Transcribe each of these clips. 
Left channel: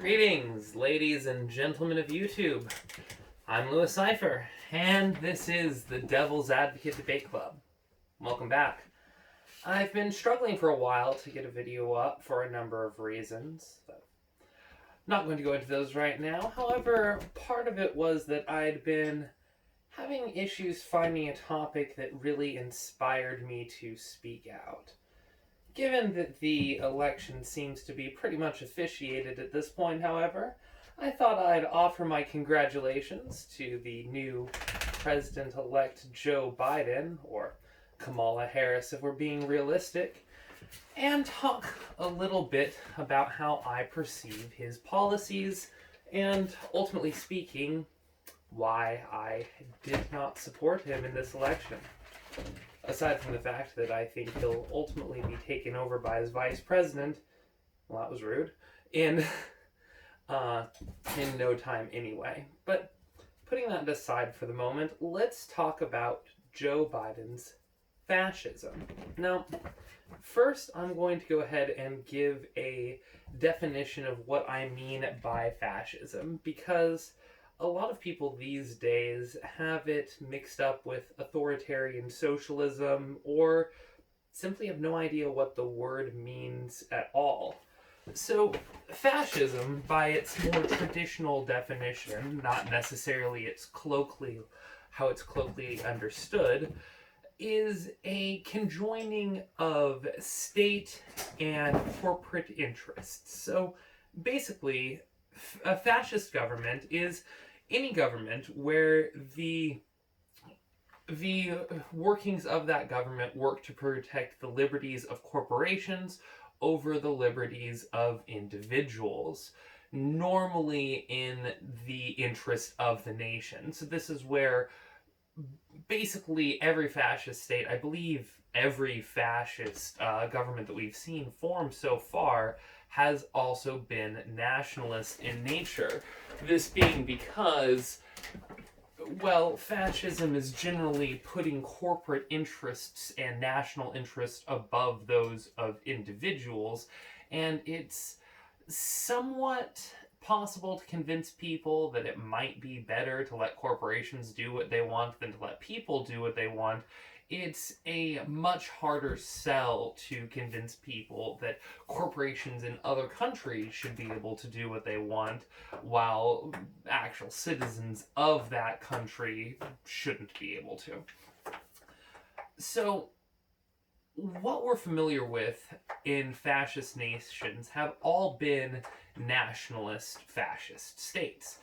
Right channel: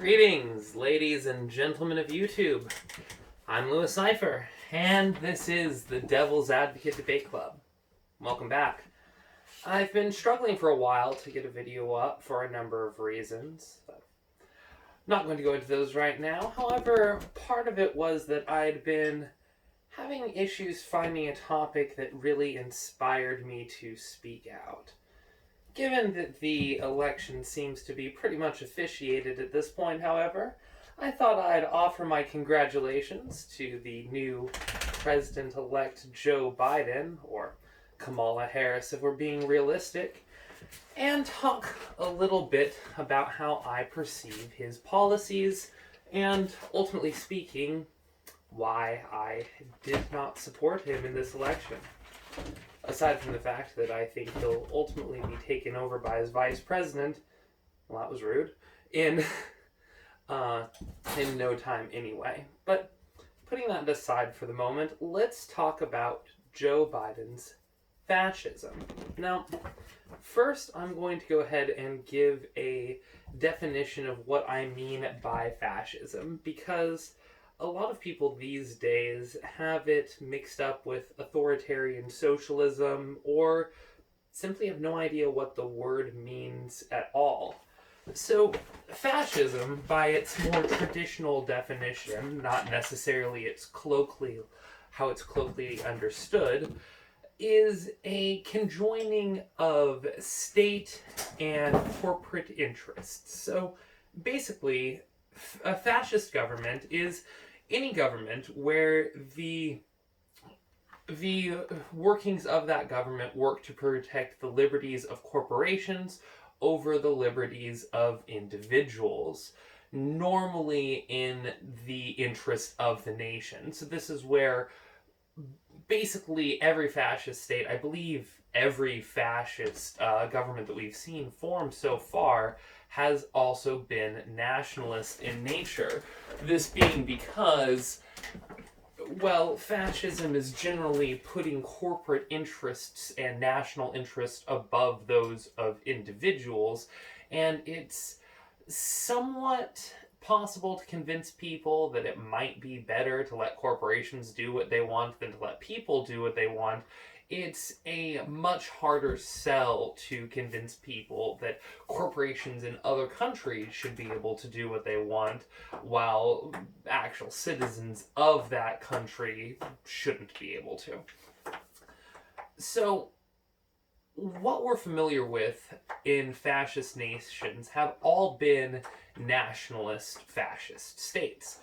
Greetings, ladies and gentlemen of YouTube. I'm Louis Cypher, and this is the Devil's Advocate Debate Club. Welcome back. I've been struggling for a while to get a video up for a number of reasons. Not going to go into those right now. However, part of it was that I'd been having issues finding a topic that really inspired me to speak out. Given that the election seems to be pretty much officiated at this point, however, I thought I'd offer my congratulations to the new President-elect Joe Biden, or Kamala Harris if we're being realistic, and talk a little bit about how I perceive his policies, and ultimately speaking, why I did not support him in this election. Aside from the fact that I think he'll ultimately be taken over by his vice president, well, that was rude, in no time anyway. But putting that aside for the moment, let's talk about Joe Biden's fascism. Now, first I'm going to go ahead and give a definition of what I mean by fascism, because a lot of people these days have it mixed up with authoritarian socialism or simply have no idea what the word means at all. So, fascism, by its more traditional definition, not necessarily how it's colloquially understood, is a conjoining of state and corporate interests. So, basically, a fascist government is any government where the workings of that government work to protect the liberties of corporations over the liberties of individuals, normally in the interest of the nation. So this is where basically every fascist state, I believe every fascist government that we've seen form so far, has also been nationalist in nature. This being because, well, fascism is generally putting corporate interests and national interests above those of individuals, and it's somewhat possible to convince people that it might be better to let corporations do what they want than to let people do what they want. It's a much harder sell to convince people that corporations in other countries should be able to do what they want, while actual citizens of that country shouldn't be able to. So, what we're familiar with in fascist nations have all been nationalist fascist states.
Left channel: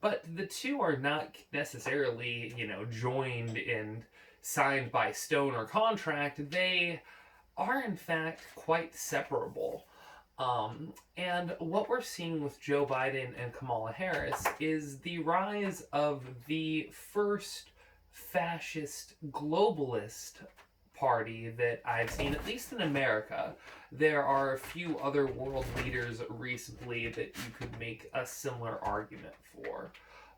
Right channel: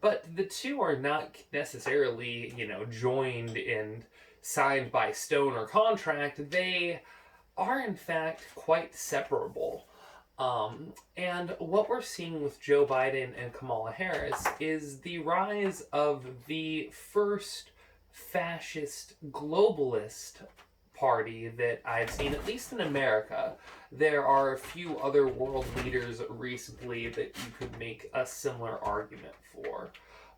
But the two are not necessarily, joined and signed by stone or contract. They are in fact quite separable. And what we're seeing with Joe Biden and Kamala Harris is the rise of the first fascist globalist party that I've seen, at least in America. There are a few other world leaders recently that you could make a similar argument for.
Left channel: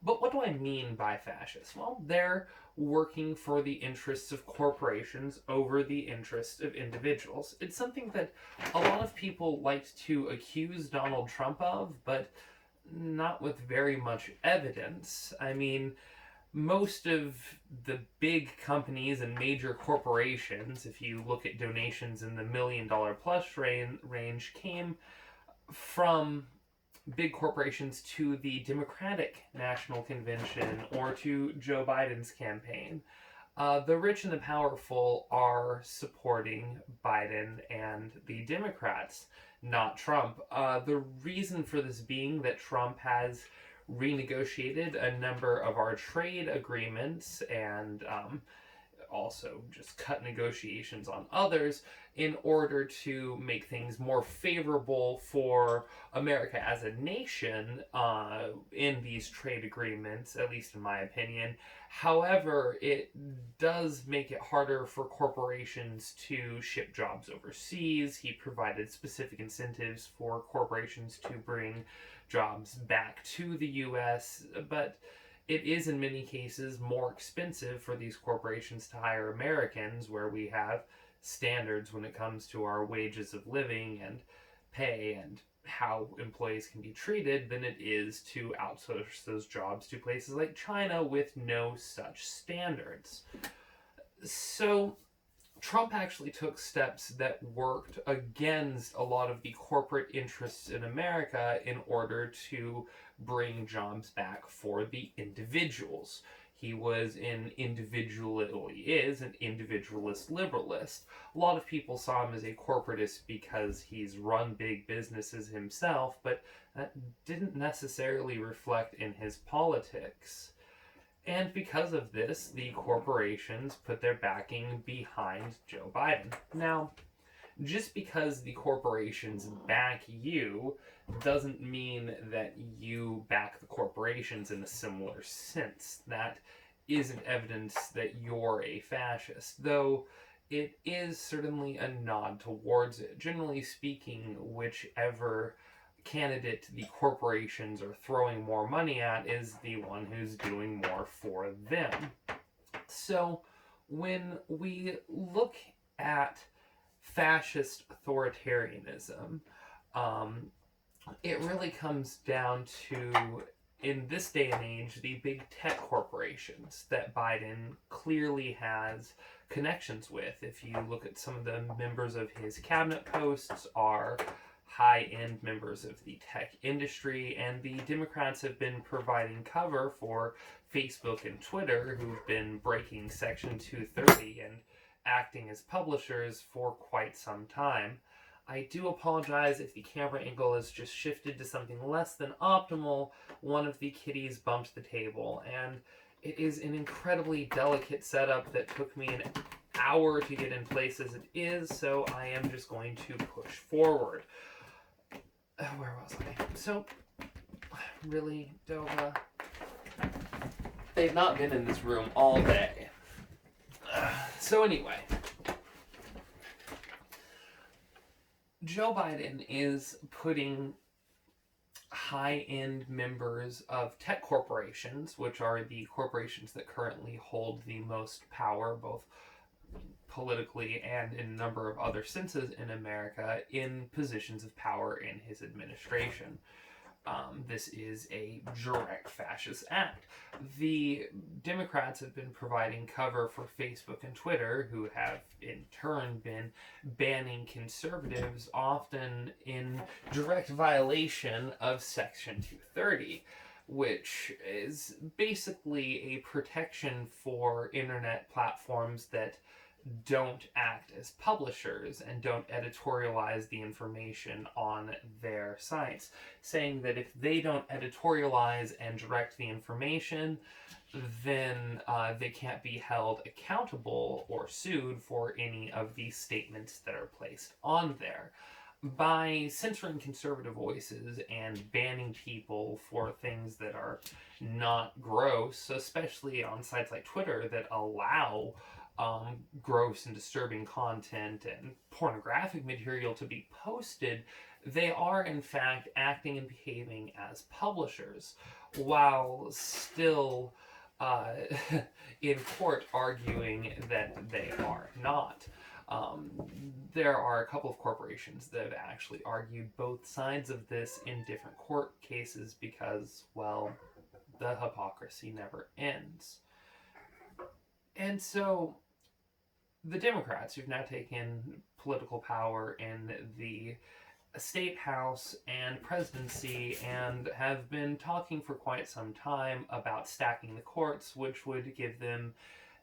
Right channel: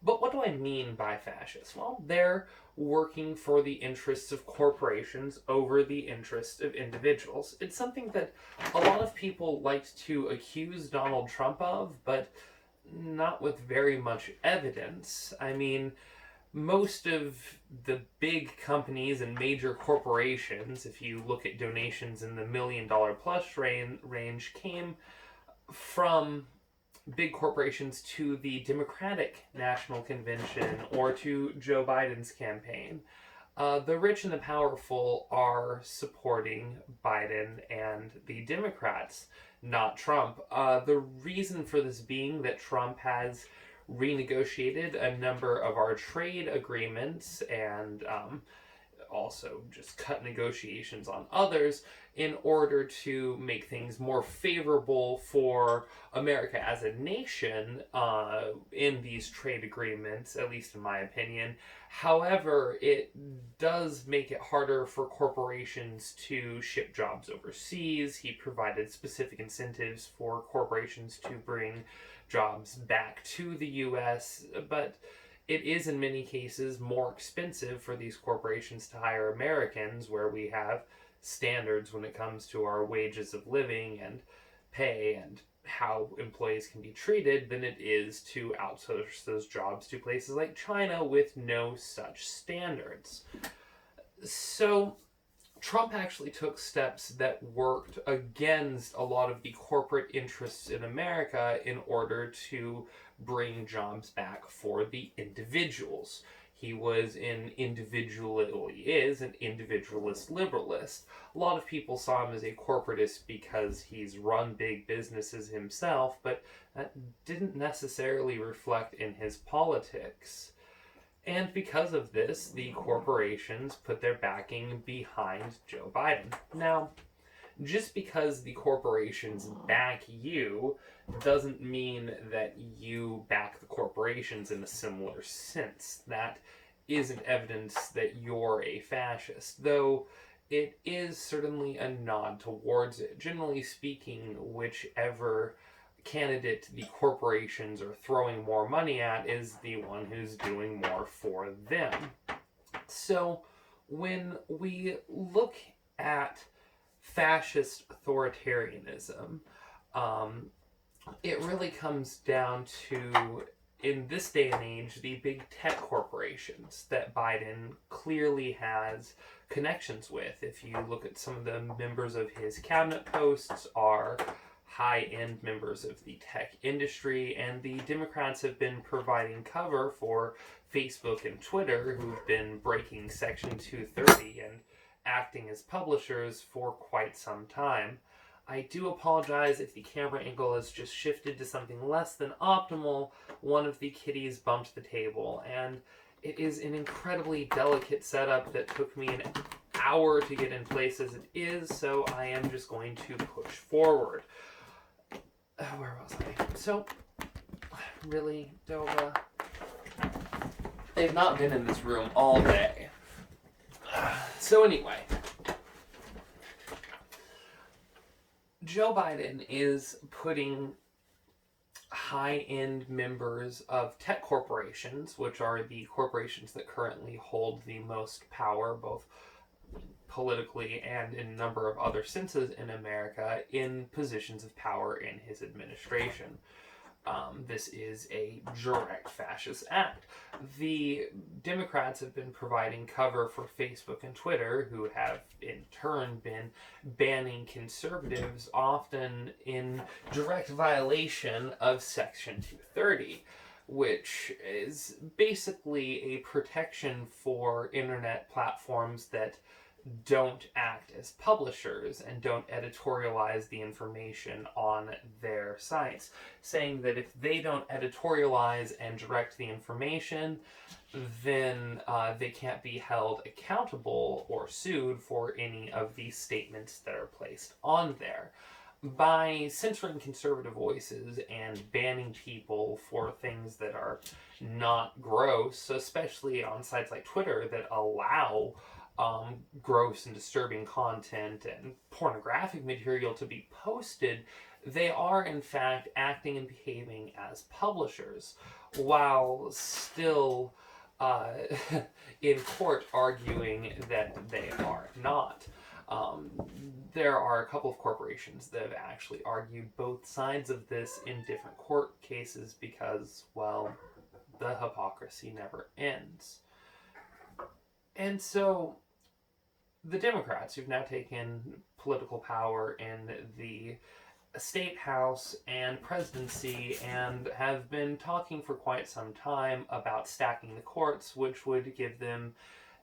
But what do I mean by fascist? Well, they're working for the interests of corporations over the interests of individuals. It's something that a lot of people liked to accuse Donald Trump of, but not with very much evidence. I mean, most of the big companies and major corporations, if you look at donations in the $1 million plus range, came from big corporations to the Democratic National Convention or to Joe Biden's campaign. The rich and the powerful are supporting Biden and the Democrats, not Trump. The reason for this being that Trump has renegotiated a number of our trade agreements and also just cut negotiations on others in order to make things more favorable for America as a nation in these trade agreements, at least in my opinion. However, it does make it harder for corporations to ship jobs overseas. He provided specific incentives for corporations to bring jobs back to the U.S., but it is in many cases more expensive for these corporations to hire Americans, where we have standards when it comes to our wages of living and pay and how employees can be treated than it is to outsource those jobs to places like China with no such standards. So Trump actually took steps that worked against a lot of the corporate interests in America in order to bring jobs back for the individuals. He was an is an individualist liberalist. A lot of people saw him as a corporatist because he's run big businesses himself, but that didn't necessarily reflect in his politics. And because of this, the corporations put their backing behind Joe Biden. Now, just because the corporations back you doesn't mean that you back the corporations in a similar sense. That isn't evidence that you're a fascist, though it is certainly a nod towards it. Generally speaking, whichever candidate the corporations are throwing more money at is the one who's doing more for them. So when we look at fascist authoritarianism, it really comes down to, in this day and age, the big tech corporations that Biden clearly has connections with. If you look at some of the members of his cabinet posts are high-end members of the tech industry, and the Democrats have been providing cover for Facebook and Twitter, who've been breaking Section 230 and acting as publishers for quite some time. I do apologize if the camera angle has just shifted to something less than optimal. One of the kitties bumped the table, and it is an incredibly delicate setup that took me an hour to get in place as it is, so I am just going to push forward. Where was I? So, really, Dova? They've not been in this room all day. So anyway, Joe Biden is putting high-end members of tech corporations, which are the corporations that currently hold the most power, both politically and in a number of other senses in America, in positions of power in his administration. This is a direct fascist act. The Democrats have been providing cover for Facebook and Twitter, who have in turn been banning conservatives, often in direct violation of Section 230, which is basically a protection for internet platforms that don't act as publishers and don't editorialize the information on their sites, saying that if they don't editorialize and direct the information, then they can't be held accountable or sued for any of the statements that are placed on there. By censoring conservative voices and banning people for things that are not gross, especially on sites like Twitter that allow gross and disturbing content and pornographic material to be posted, they are in fact acting and behaving as publishers, while still in court arguing that they are not. There are a couple of corporations that have actually argued both sides of this in different court cases because, well, the hypocrisy never ends. And so the Democrats, who've now taken political power in the state house and presidency and have been talking for quite some time about stacking the courts, which would give them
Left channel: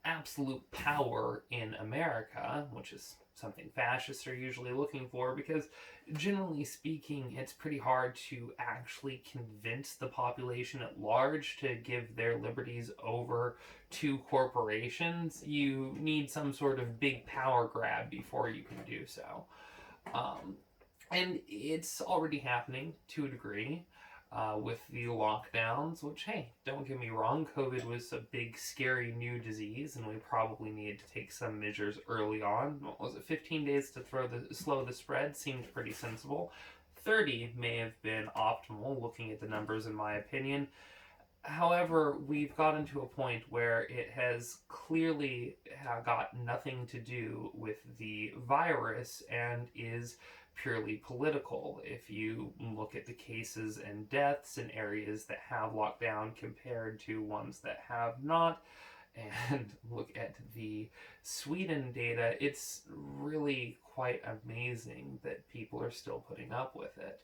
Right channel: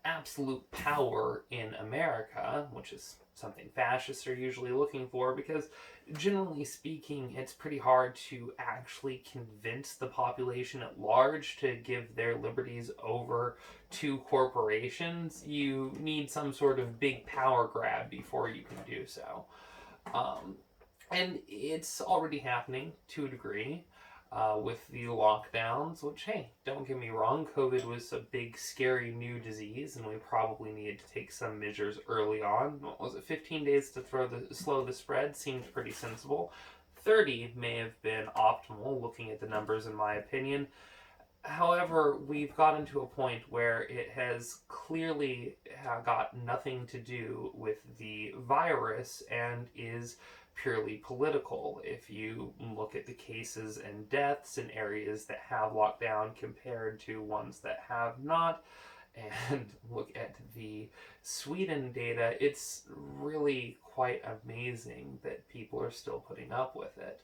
absolute power in America, which is something fascists are usually looking for, because generally speaking, it's pretty hard to actually convince the population at large to give their liberties over to corporations. You need some sort of big power grab before you can do so. And it's already happening to a degree. With the lockdowns, which, hey, don't get me wrong, COVID was a big, scary new disease, and we probably needed to take some measures early on. What was it, 15 days to slow the spread? Seemed pretty sensible. 30 may have been optimal, looking at the numbers, in my opinion. However, we've gotten to a point where it has clearly got nothing to do with the virus and is purely political. If you look at the cases and deaths in areas that have lockdown compared to ones that have not, and look at the Sweden data, it's really quite amazing that people are still putting up with it.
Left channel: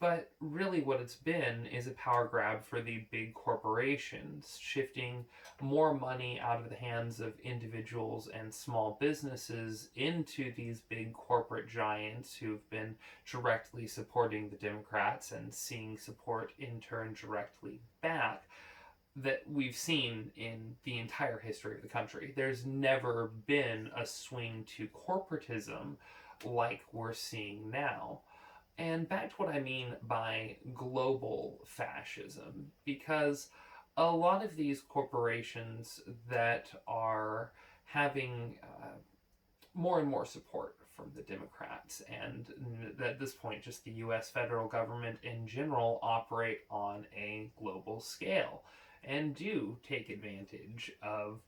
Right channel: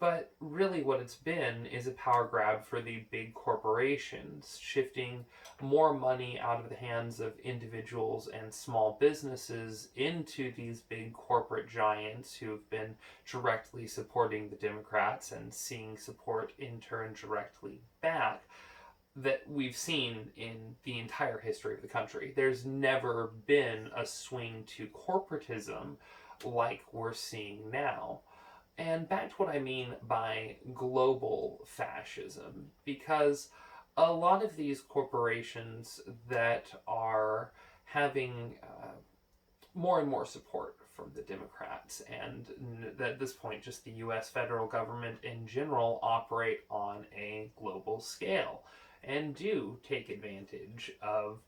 But really, what it's been is a power grab for the big corporations, shifting more money out of the hands of individuals and small businesses into these big corporate giants who've been directly supporting the Democrats and seeing support in turn directly back, that we've seen in the entire history of the country. There's never been a swing to corporatism like we're seeing now. And back to what I mean by global fascism, because a lot of these corporations that are having more and more support from the Democrats, and at this point, just the US federal government in general, operate on a global scale and do take advantage of,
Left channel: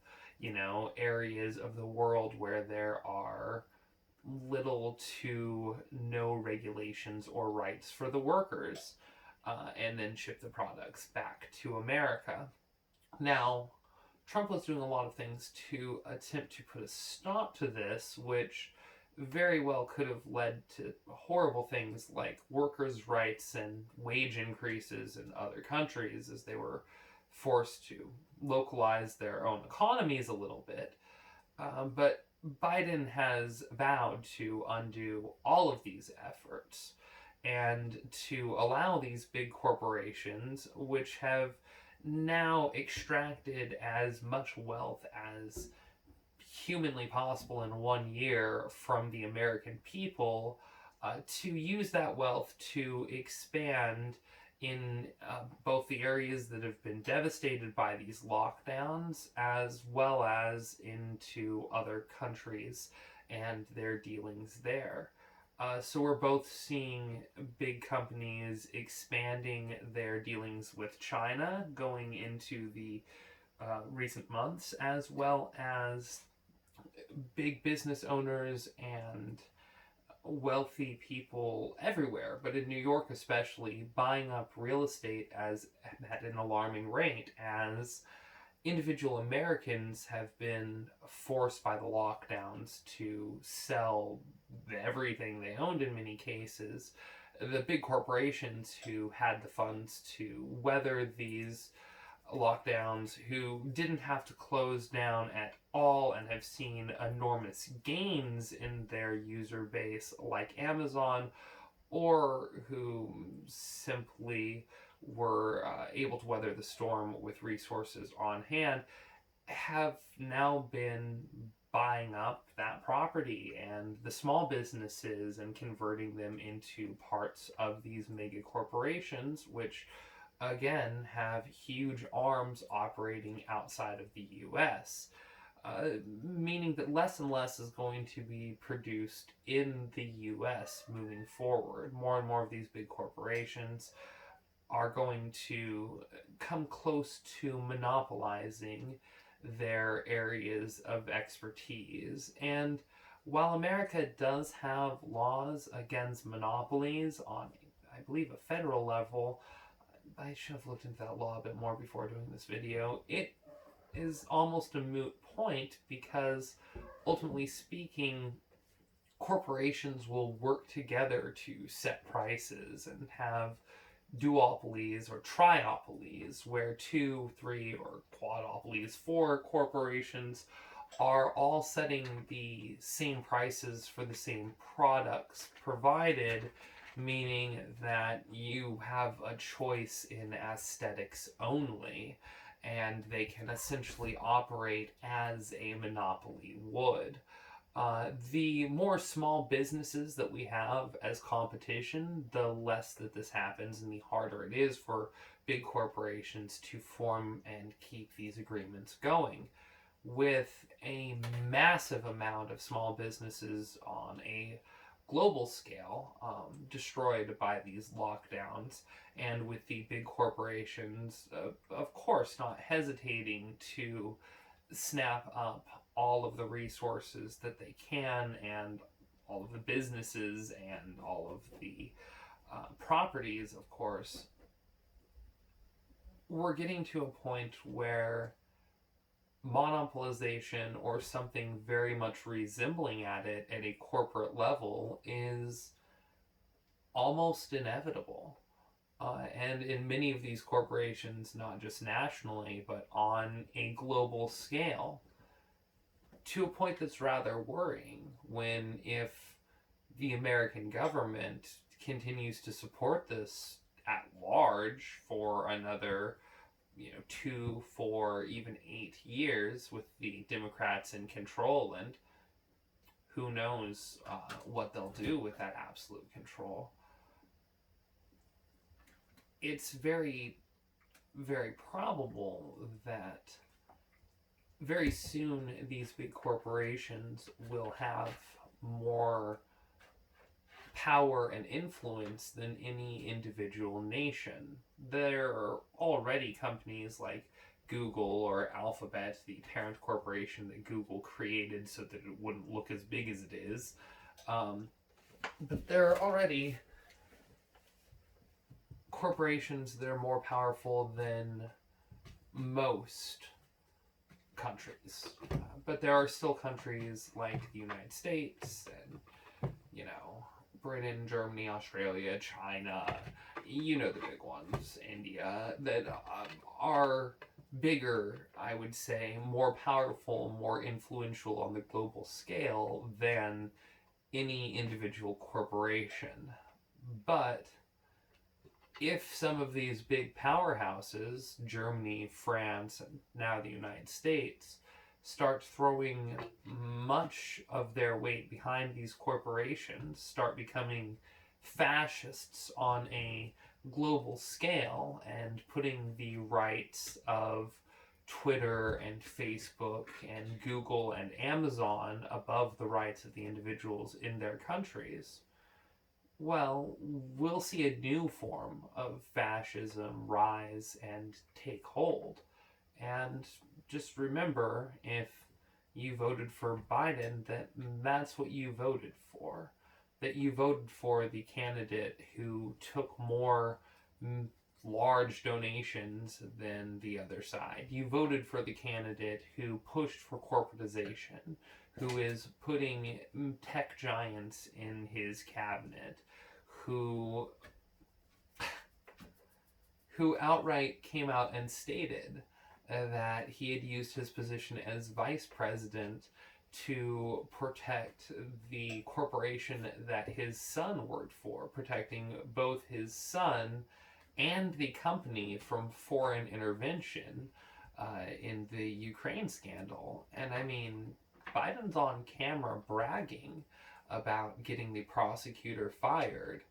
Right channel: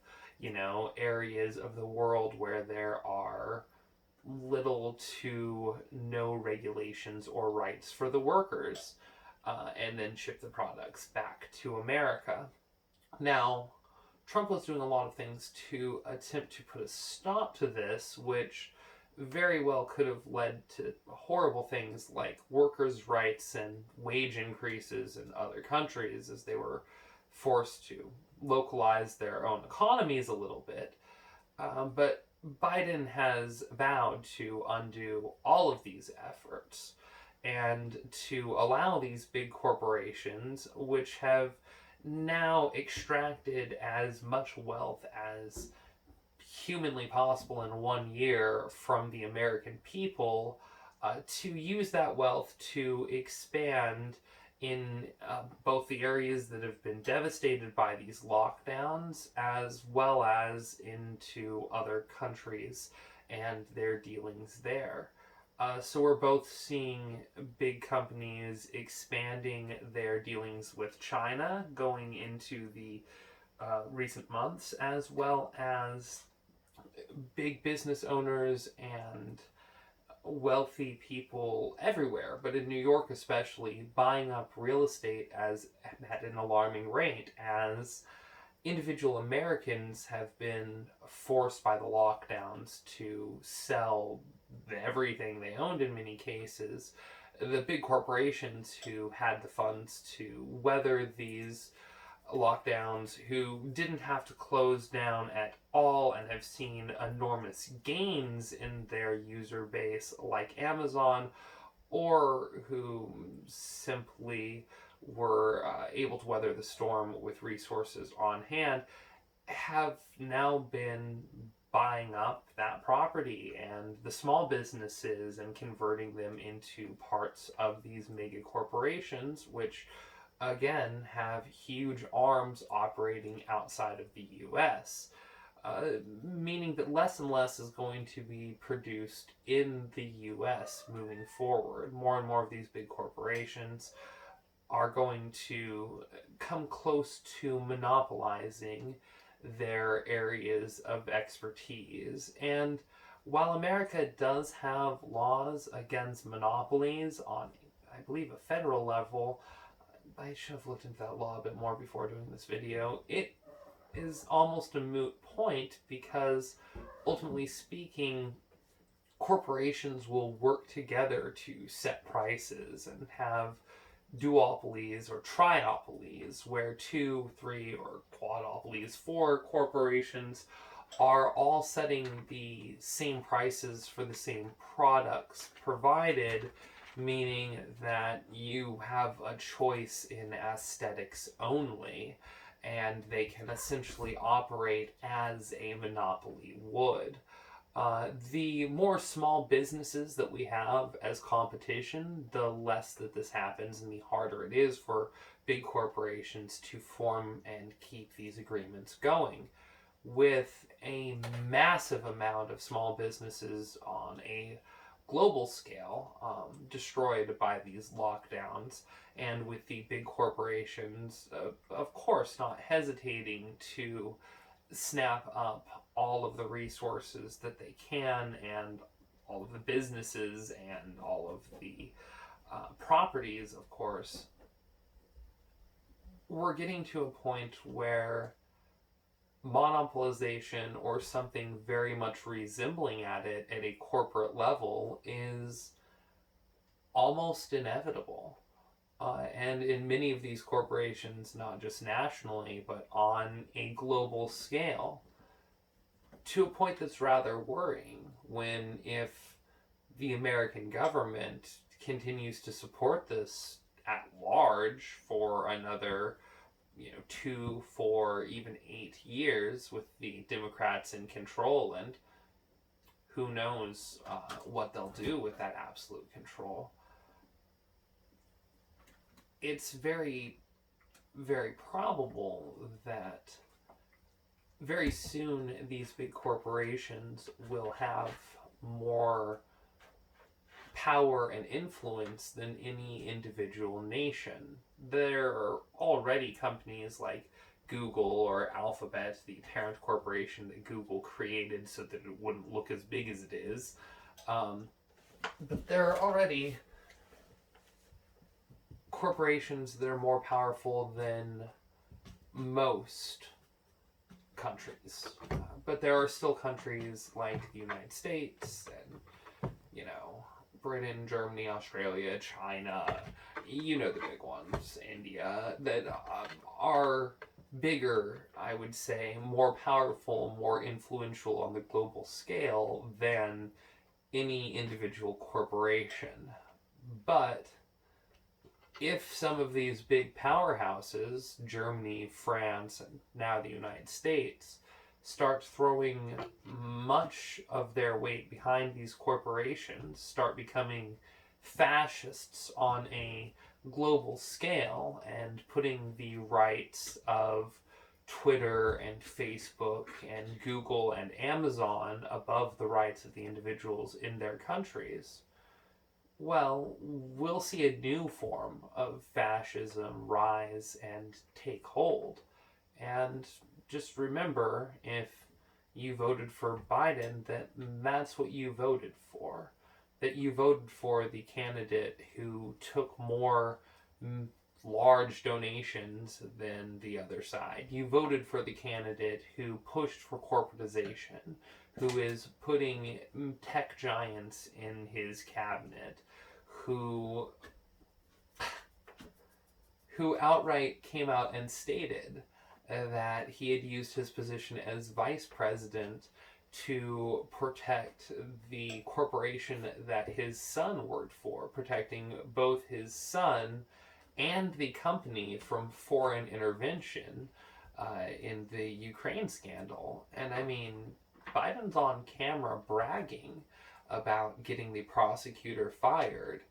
areas of the world where there are little to no regulations or rights for the workers, and then ship the products back to America. Now, Trump was doing a lot of things to attempt to put a stop to this, which very well could have led to horrible things like workers' rights and wage increases in other countries as they were forced to localize their own economies a little bit. But Biden has vowed to undo all of these efforts and to allow these big corporations, which have now extracted as much wealth as humanly possible in 1 year from the American people, to use that wealth to expand in both the areas that have been devastated by these lockdowns, as well as into other countries and their dealings there. So we're both seeing big companies expanding their dealings with China going into the recent months, as well as big business owners and wealthy people everywhere, but in New York especially, buying up real estate at an alarming rate, as individual Americans have been forced by the lockdowns to sell everything they owned in many cases. The big corporations who had the funds to weather these lockdowns, who didn't have to close down at all and have seen enormous gains in their user base, like Amazon, or who simply were able to weather the storm with resources on hand, have now been buying up that property and the small businesses and converting them into parts of these mega corporations, which again have huge arms operating outside of the US, meaning that less and less is going to be produced in the US moving forward. More and more of these big corporations are going to come close to monopolizing their areas of expertise. And while America does have laws against monopolies on, I believe, a federal level, I should have looked into that law a bit more before doing this video, it is almost a moot point, because ultimately speaking, corporations will work together to set prices and have duopolies or triopolies, where 2, 3, or quadopolies, 4 corporations are all setting the same prices for the same products provided, meaning that you have a choice in aesthetics only, and they can essentially operate as a monopoly would. The more small businesses that we have as competition, the less that this happens and the harder it is for big corporations to form and keep these agreements going. With a massive amount of small businesses on a global scale destroyed by these lockdowns, and with the big corporations, of course, not hesitating to snap up all of the resources that they can and all of the businesses and all of the properties, of course, we're getting to a point where monopolization or something very much resembling it at a corporate level is almost inevitable. And in many of these corporations, not just nationally, but on a global scale, to a point that's rather worrying when if the American government continues to support this at large for another 2, 4, even 8 years with the Democrats in control, and who knows what they'll do with that absolute control. It's very, very probable that very soon these big corporations will have more power and influence than any individual nation. There are already companies like Google or Alphabet, the parent corporation that Google created so that it wouldn't look as big as it is. But there are already corporations that are more powerful than most countries. But there are still countries like the United States and, Britain, Germany, Australia, China, the big ones, India, that are bigger, I would say, more powerful, more influential on the global scale than any individual corporation. But if some of these big powerhouses, Germany, France, and now the United States, start throwing much of their weight behind these corporations, start becoming fascists on a global scale, and putting the rights of Twitter and Facebook and Google and Amazon above the rights of the individuals in their countries, well, we'll see a new form of fascism rise and take hold. And just remember, if you voted for Biden, that's what you voted for. That you voted for the candidate who took more large donations than the other side. You voted for the candidate who pushed for corporatization, who is putting tech giants in his cabinet, who outright came out and stated that he had used his position as vice president to protect the corporation that his son worked for, protecting both his son and the company from foreign intervention in the Ukraine scandal. And I mean, Biden's on camera bragging about getting the prosecutor fired,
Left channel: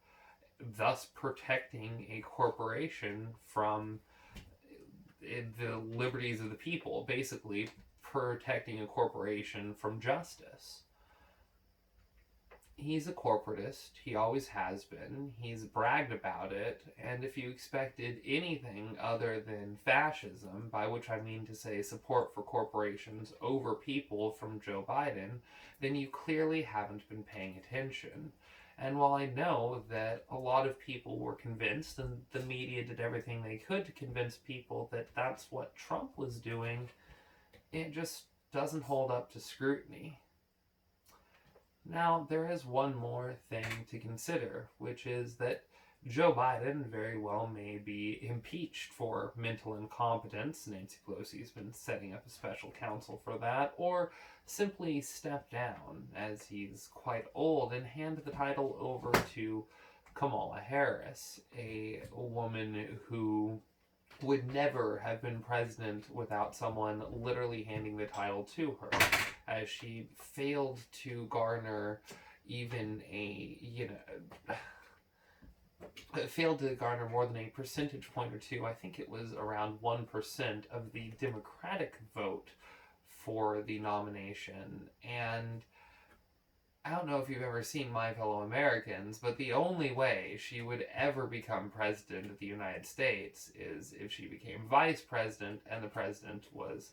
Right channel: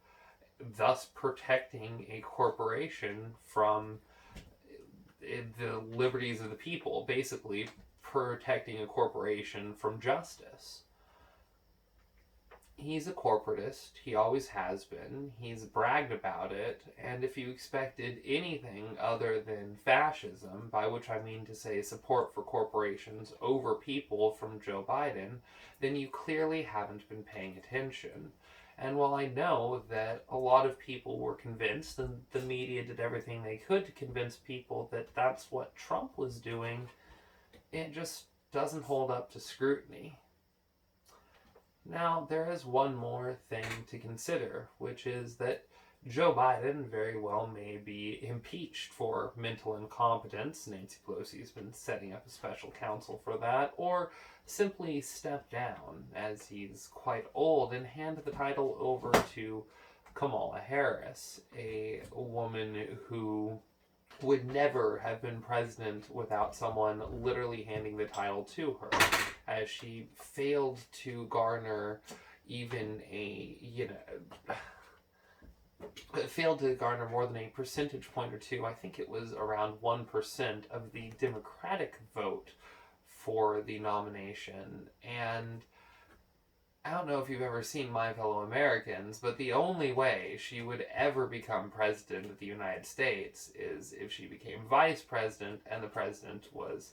thus protecting a corporation from the liberties of the people, basically protecting a corporation from justice. He's a corporatist. He always has been. He's bragged about it. And if you expected anything other than fascism, by which I mean to say support for corporations over people from Joe Biden, then you clearly haven't been paying attention. And while I know that a lot of people were convinced, and the media did everything they could to convince people that that's what Trump was doing, it just doesn't hold up to scrutiny. Now, there is one more thing to consider, which is that Joe Biden very well may be impeached for mental incompetence. Nancy Pelosi has been setting up a special counsel for that, or simply step down as he's quite old and hand the title over to Kamala Harris, a woman who would never have been president without someone literally handing the title to her, as she failed to garner even failed to garner more than a percentage point or two. I think it was around 1% of the Democratic vote for the nomination. And I don't know if you've ever seen My Fellow Americans, but the only way she would ever become president of the United States is if she became vice president and the president was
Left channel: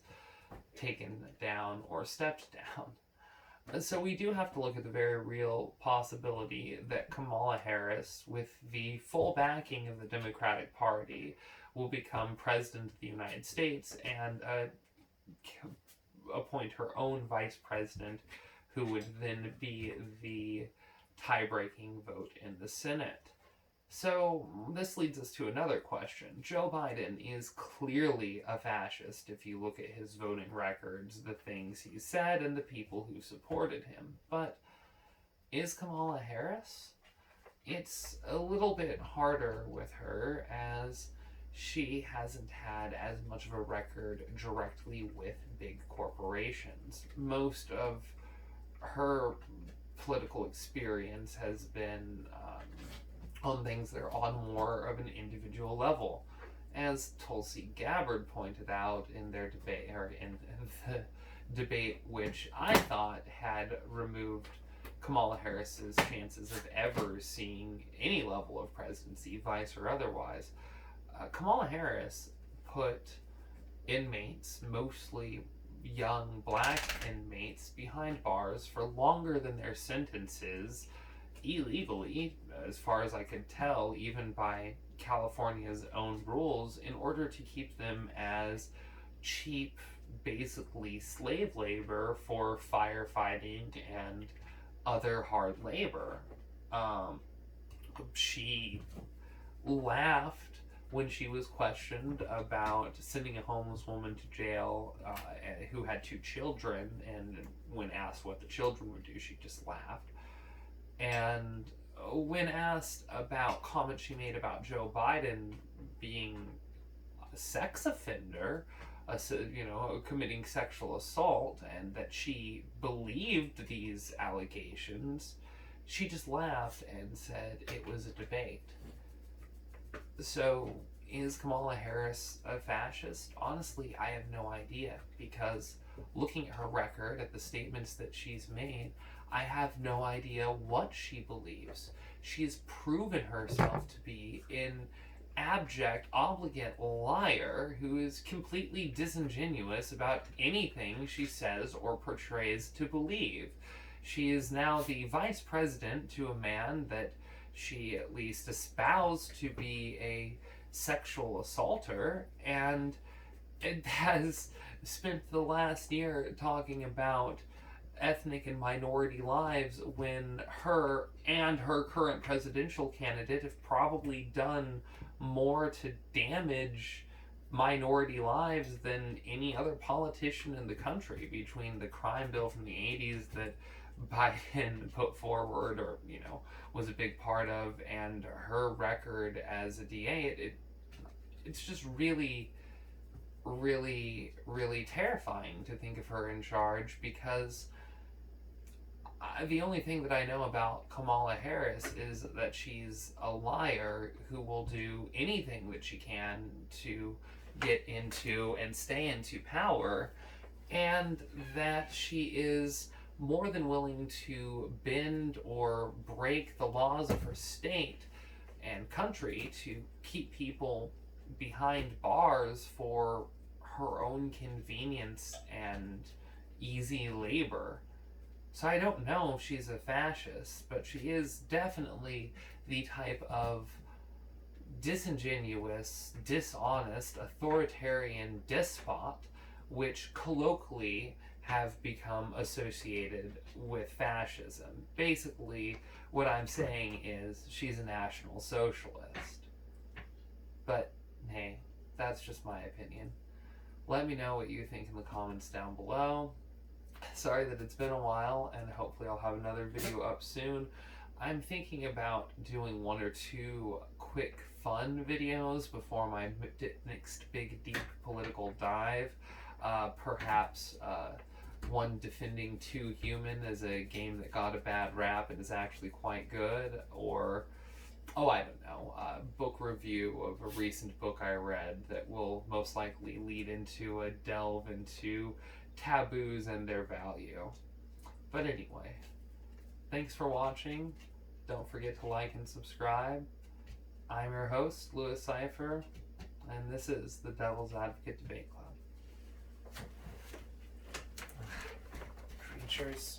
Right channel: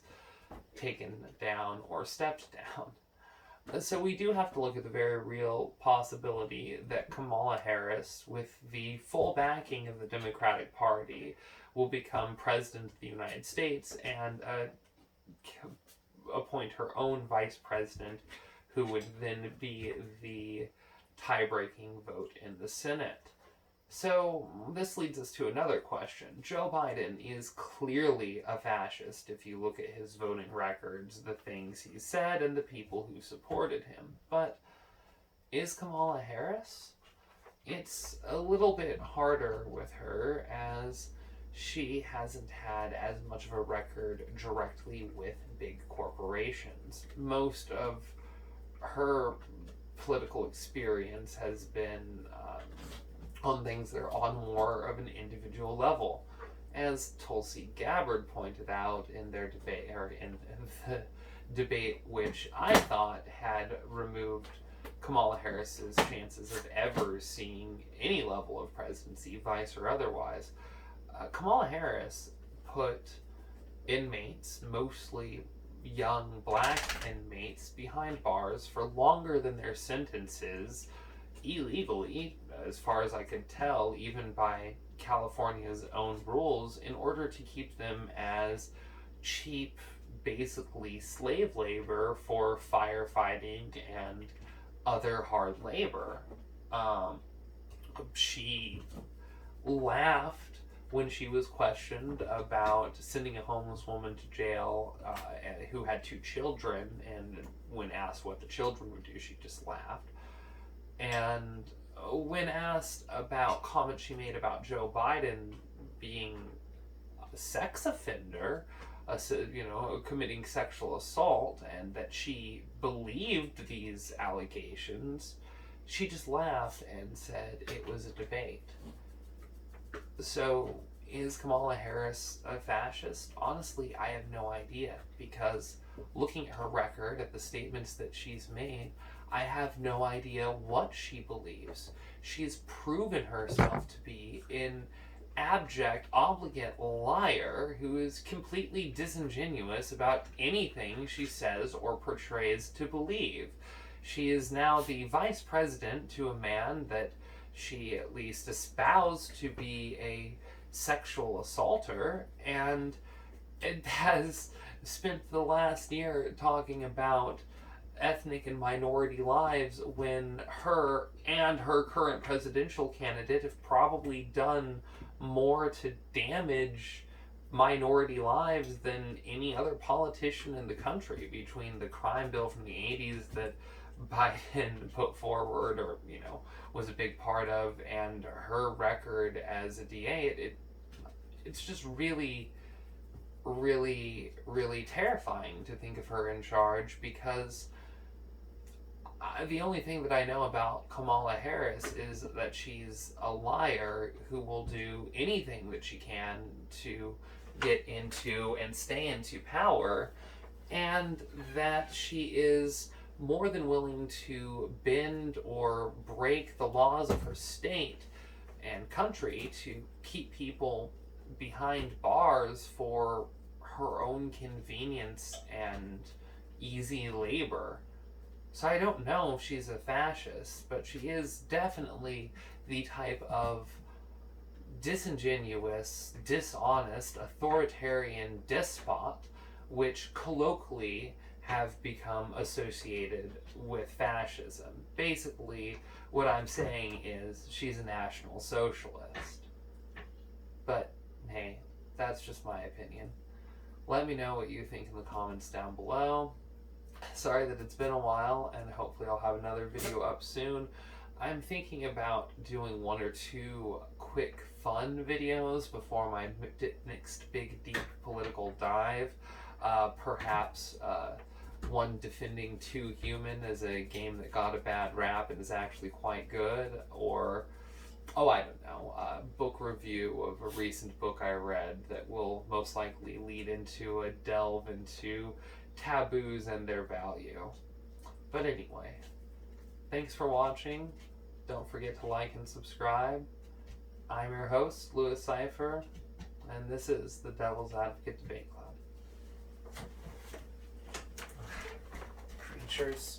taken down or stepped down. So we do have to look at the very real possibility that Kamala Harris, with the full backing of the Democratic Party, will become president of the United States and appoint her own vice president, who would then be the tie-breaking vote in the Senate. So this leads us to another question. Joe Biden is clearly a fascist if you look at his voting records, the things he said, and the people who supported him. But is Kamala Harris? It's a little bit harder with her, as she hasn't had as much of a record directly with big corporations. Most of her political experience has been on things that are on more of an individual level. As Tulsi Gabbard pointed out in their debate, or in the debate which I thought had removed Kamala Harris's chances of ever seeing any level of presidency, vice or otherwise, Kamala Harris put inmates, mostly young black inmates, behind bars for longer than their sentences, illegally, as far as I could tell, even by California's own rules, in order to keep them as cheap, basically slave labor for firefighting and other hard labor. She laughed when she was questioned about sending a homeless woman to jail who had 2 children, and when asked what the children would do, she just laughed. And when asked about comments she made about Joe Biden being a sex offender, committing sexual assault, and that she believed these allegations, she just laughed and said it was a debate. So, is Kamala Harris a fascist? Honestly, I have no idea, because looking at her record, at the statements that she's made, I have no idea what she believes. She's proven herself to be an abject, obligate liar who is completely disingenuous about anything she says or portrays to believe. She is now the vice president to a man that she at least espoused to be a sexual assaulter, and it has spent the last year talking about ethnic and minority lives, when her and her current presidential candidate have probably done more to damage minority lives than any other politician in the country, between the crime bill from the 80s that Biden put forward, or was a big part of, and her record as a DA. It's just really, really, really terrifying to think of her in charge, because the only thing that I know about Kamala Harris is that she's a liar who will do anything that she can to get into and stay into power, and that she is more than willing to bend or break the laws of her state and country to keep people behind bars for her own convenience and easy labor. So I don't know if she's a fascist, but she is definitely the type of disingenuous, dishonest, authoritarian despot which colloquially have become associated with fascism. Basically, what I'm saying is she's a National Socialist. But hey, that's just my opinion. Let me know what you think in the comments down below. Sorry that it's been a while, and hopefully I'll have another video up soon. I'm thinking about doing 1 or 2 quick fun videos before my next big deep political dive. Perhaps one defending Too Human as a game that got a bad rap and is actually quite good, or I don't know, a book review of a recent book I read that will most likely lead into a delve into taboos and their value. But anyway, thanks for watching. Don't forget to like and subscribe. I'm your host, Louis Cypher, and this is the Devil's Advocate Debate Club. Cheers.